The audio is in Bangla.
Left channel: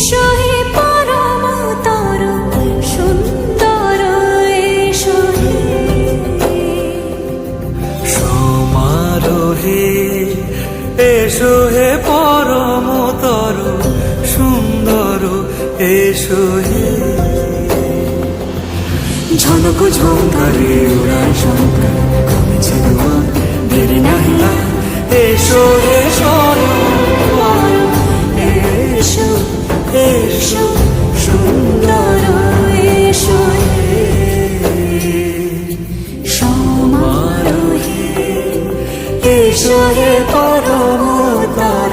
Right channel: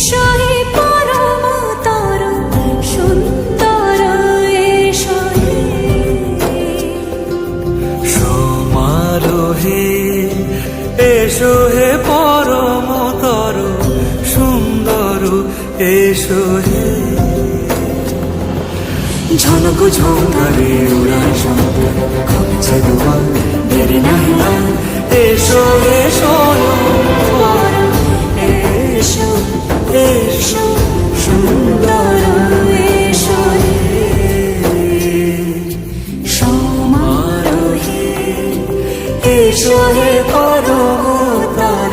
এসো হে পরম তর সুন্দর এসো হে সমারোহে এসো হে পরমতর সুন্দর এসো হে ঝনক ঝঙ্কারে উড়ায় শঙ্কর খুলেছে দুয়ার দেরি নাহি আর এসো হে স্বয়ং পরম এসো এসো সুন্দর এসো হে সমারোহে এসো হে পরমতর